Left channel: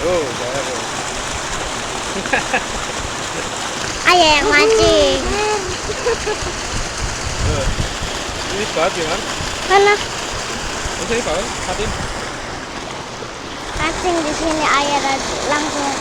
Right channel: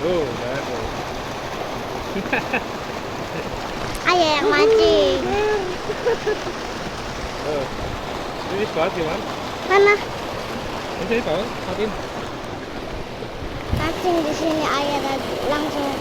Oh, bagus. Ayah yang mancing. Oh, ini banget gimana? Mana Oke, Pak, matiin. mancing di sini ayah tadi langsung